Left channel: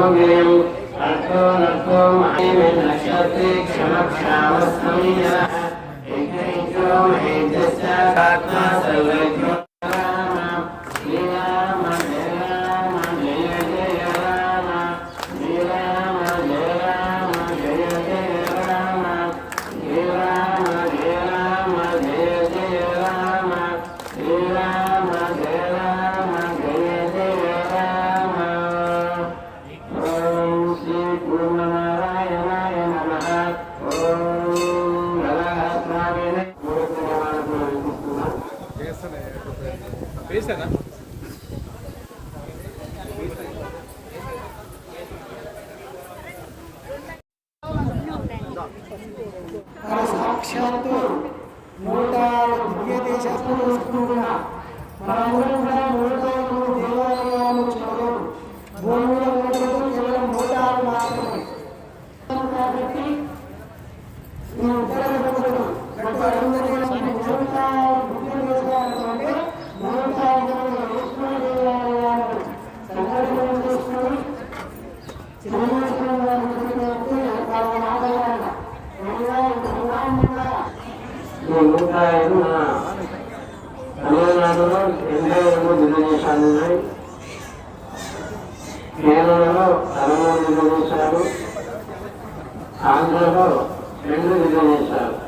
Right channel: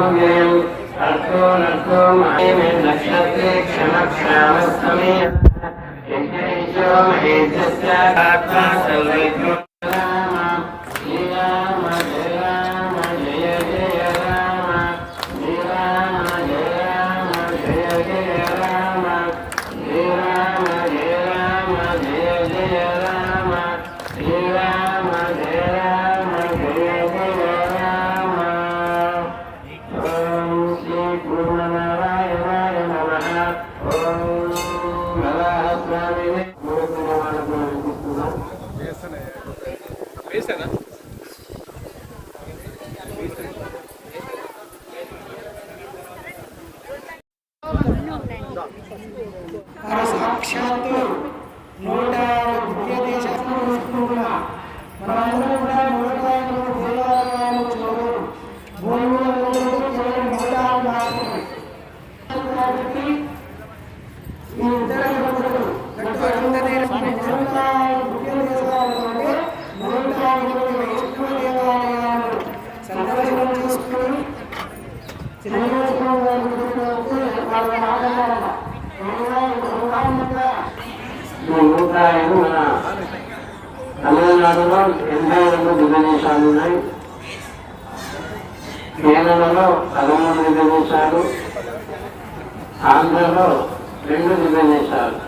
중앙에 వారు సాక్షాత్తు నూట దివ్య దేశాలను వస్తున్నా ఈ నూట ఐదు మన తమిళనాడులో ఎనభై రెండు దివ్యదేశాలు ఉన్నాయి. కేరళలో పదమూడు దివ్యదేశాలు ఆంధ్రలో రెండు దివ్యదేశాలు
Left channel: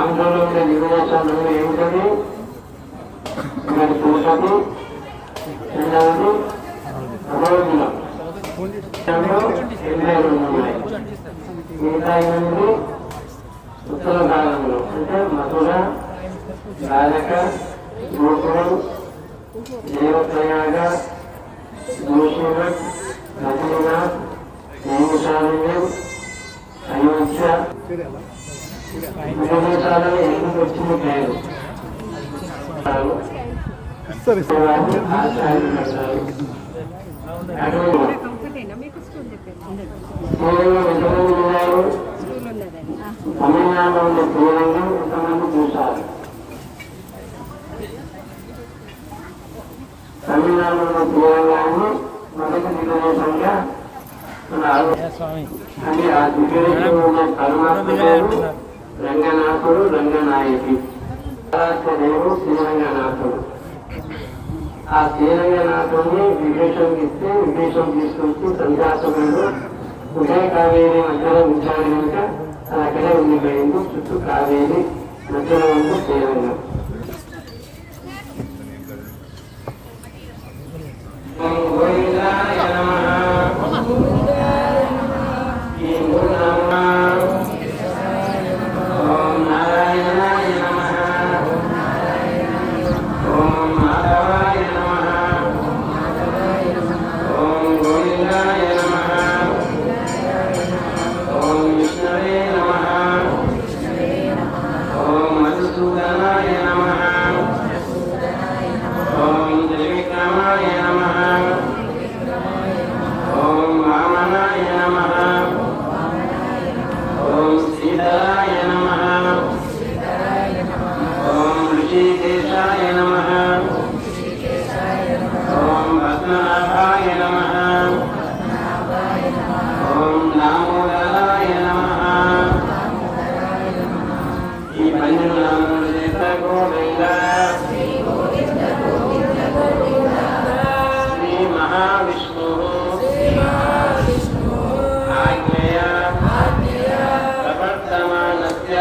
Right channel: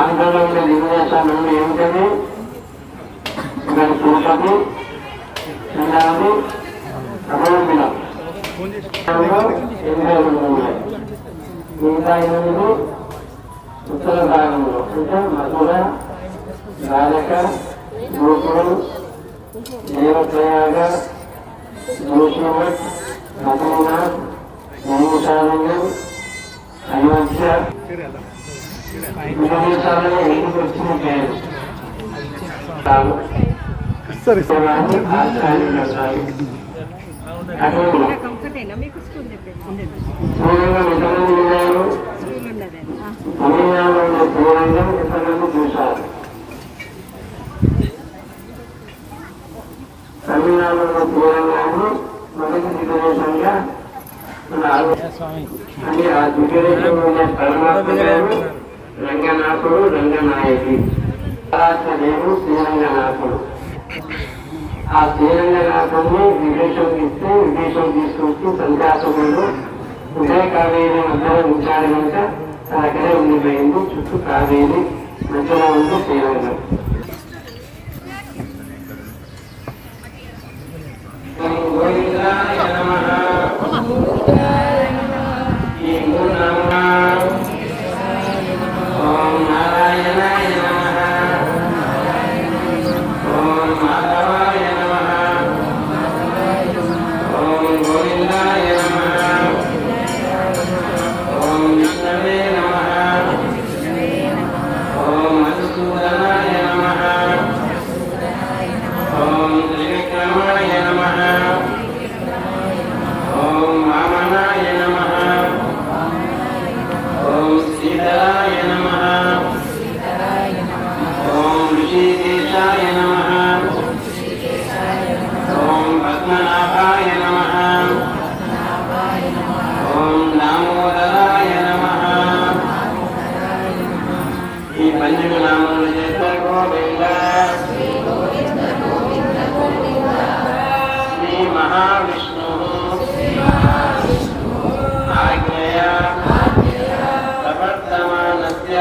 ఆంధ్రలో ఉండే దివ్యదేశాలు ఏమిటది? ఇక్కడ తిరుపతి రెండవది అమరవీరం ఎనభై రెండు ఉన్నాయి. మిగతా ఎనిమిది ఉత్తర భాగంలో అంటే మధుర ద్వారక గోకులం దేవప్రయాగ జోషిమఠ్ బద్రీనాథ్ నైమిషారణ్యం అయోధ్య విదేశాలలో ఎందుకు వచ్చిన పేరు ఆచార్యులు తమిళనాడులో మొదటి దిగ్గదేశంగా ఉన్నారు అంటే ఆ దిగ్గదేశంలో ఉన్న పరమాత్మ రంగనాథుడు రంగనాయకి దేవు శ్రీరంగనాథుడు ఆ శ్రీరంగనాథుడిని విదేశంకి ఇస్తే విదేశం తీసుకొచ్చి సంధ్యాసకుడు ఉదయ కావేరి మధ్యలో ఉంచాడు కనుక అక్కడే ఉండిపోయింది చుట్టూ కావేరి మధ్యలో ఉంది శ్రీరంగం ఓం గోవిందాయ నమః. ఈ మూడు.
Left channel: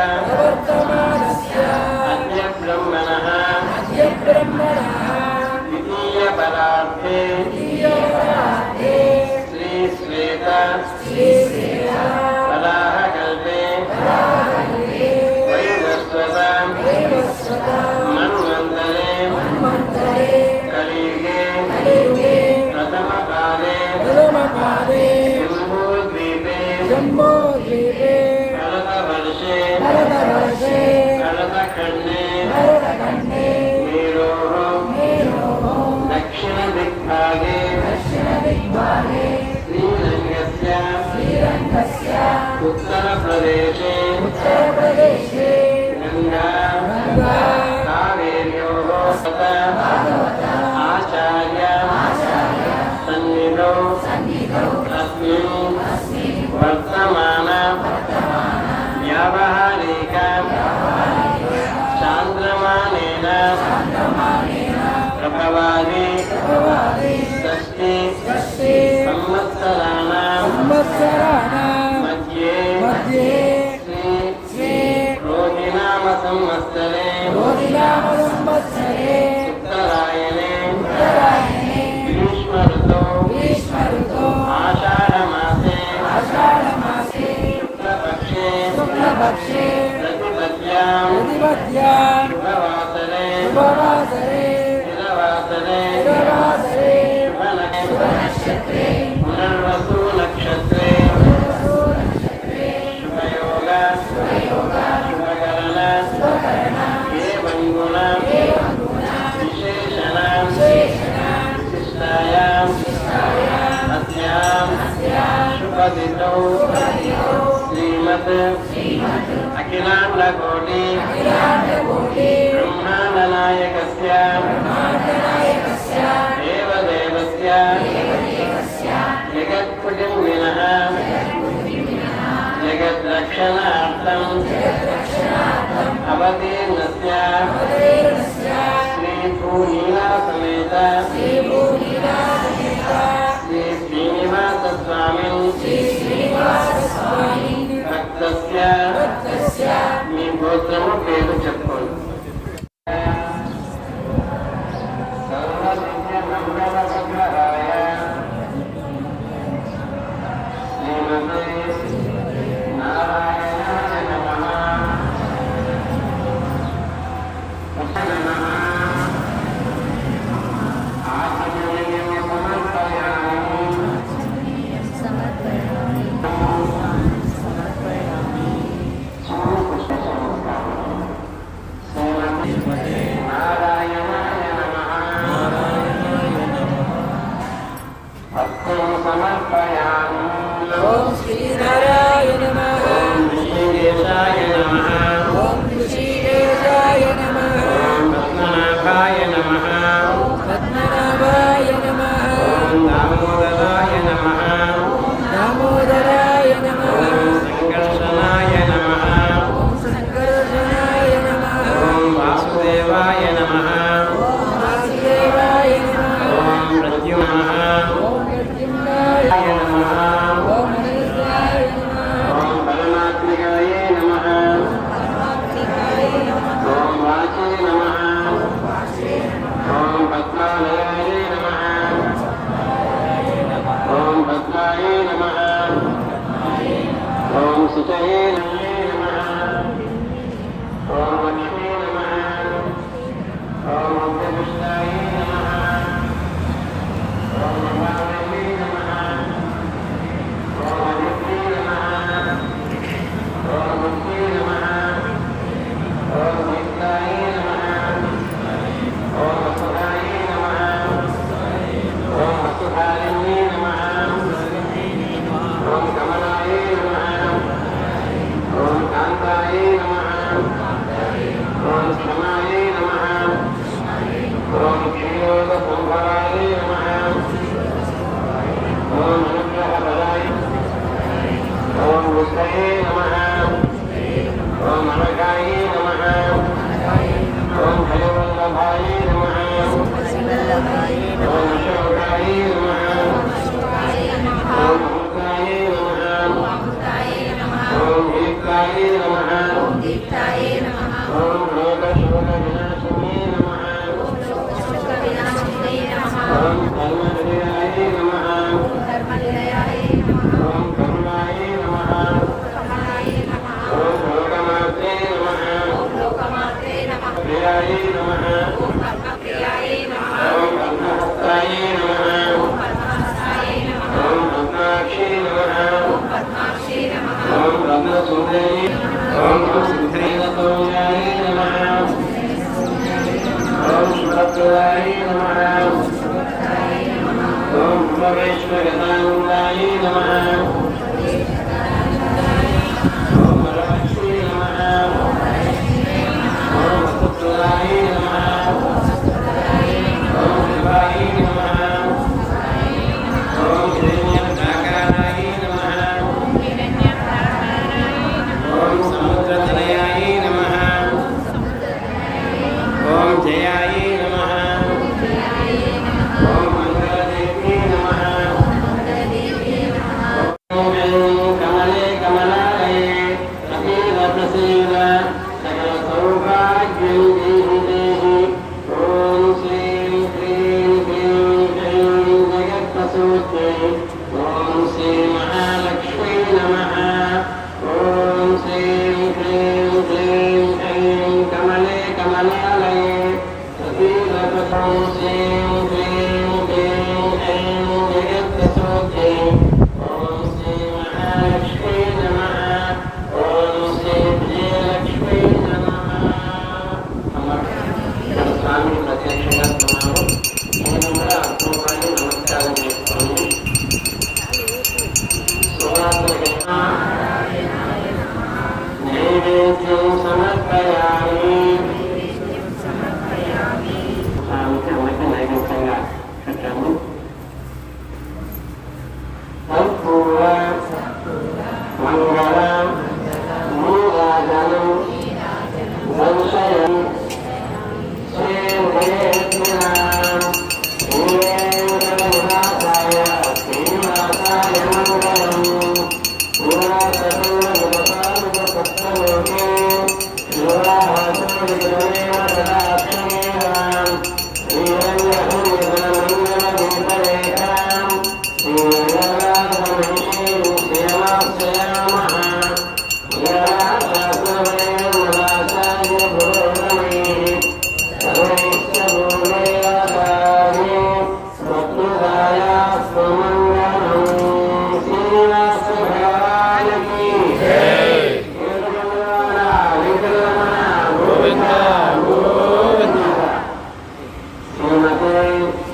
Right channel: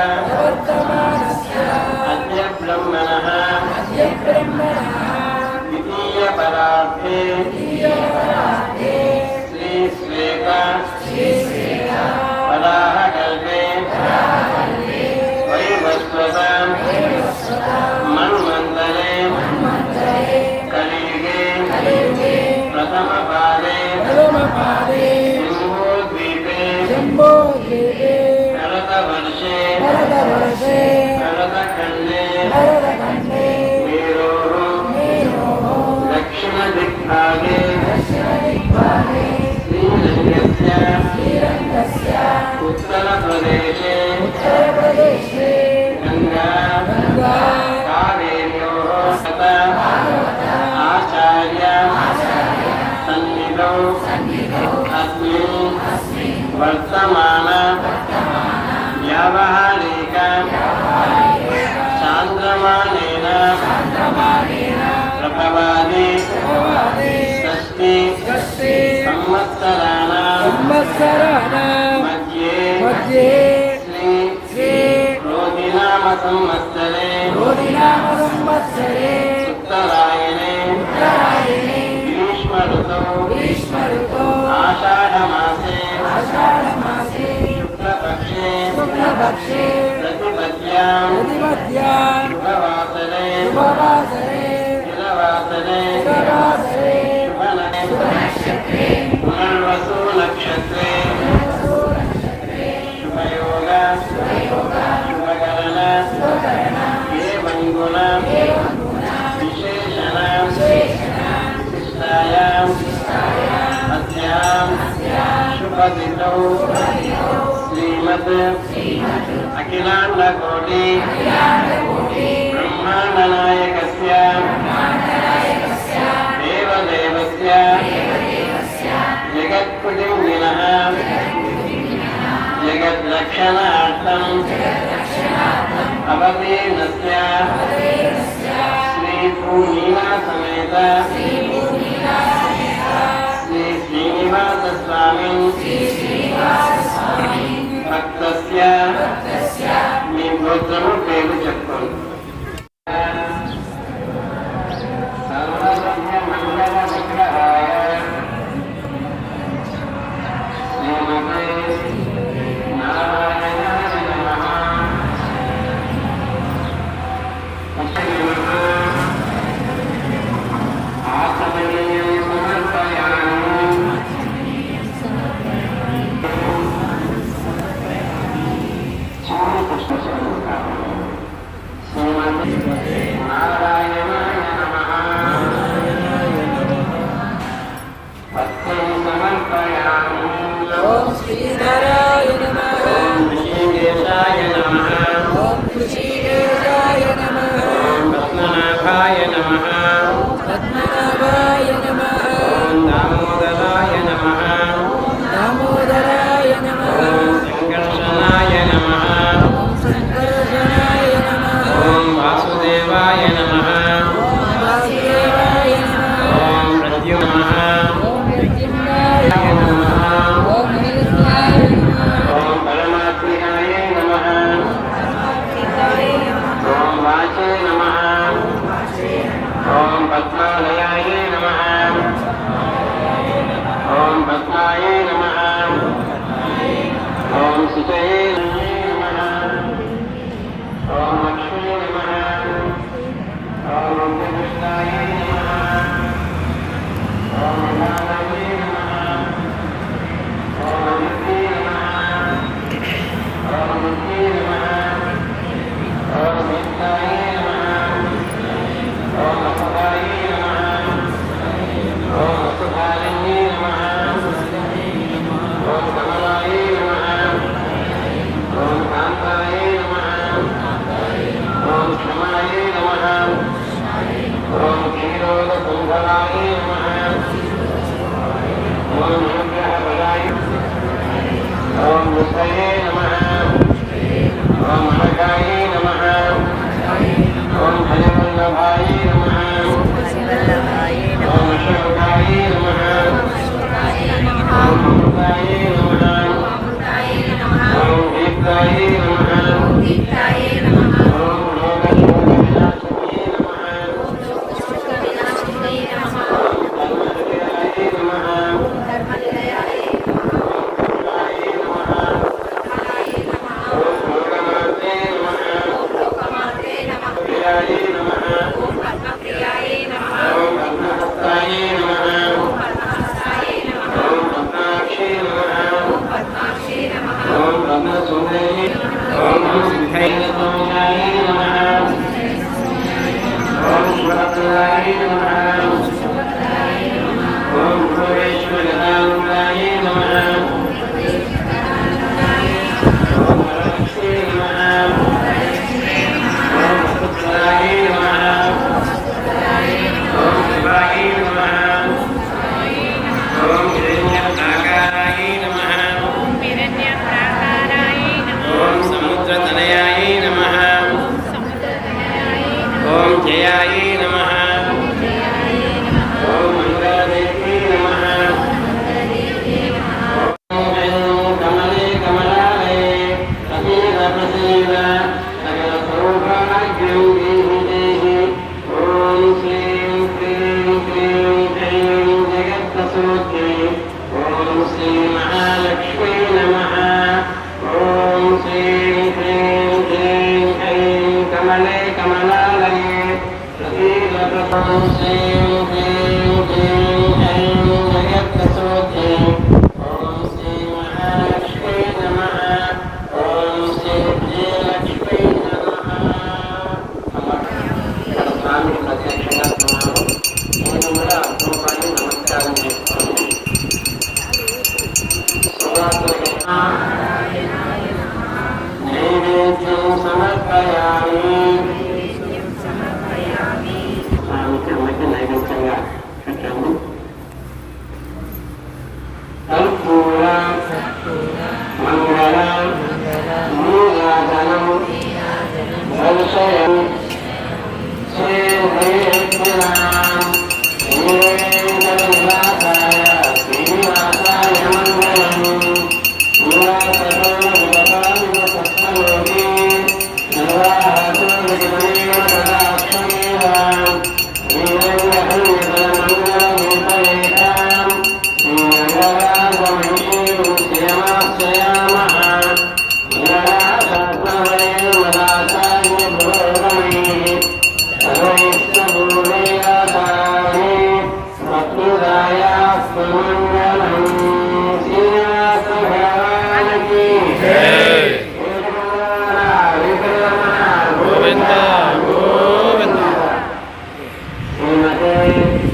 ప్రవర్తమానస్య అద్య వర్తమాన వ్యావహారిక సాంద్రమానేన ప్రభవాది షష్టి సంవత్సరాణ సంపదితో శ్రీమత్ అఖిలాండకోటి బ్రహ్మాండనాయకస్య దేవదేవస్య జగత్కుటుంబినః జగద్రక్షణార్థం అవతీర్ణస్య శ్రీభూమిలా సమేత श्रीनिवासस्वामी भक्तस्य మీ గోత్రము పేరు చెప్పండి ఓం శ్రీధరాయ నమ ఓం కృషిదేవాయ నమ పద్మనాభాయ నమ పద్మనాభాయ నమ దామోదరాయ నమ Amen.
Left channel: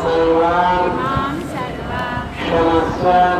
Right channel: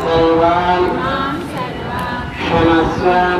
इमां सर्वान् क्षमस्व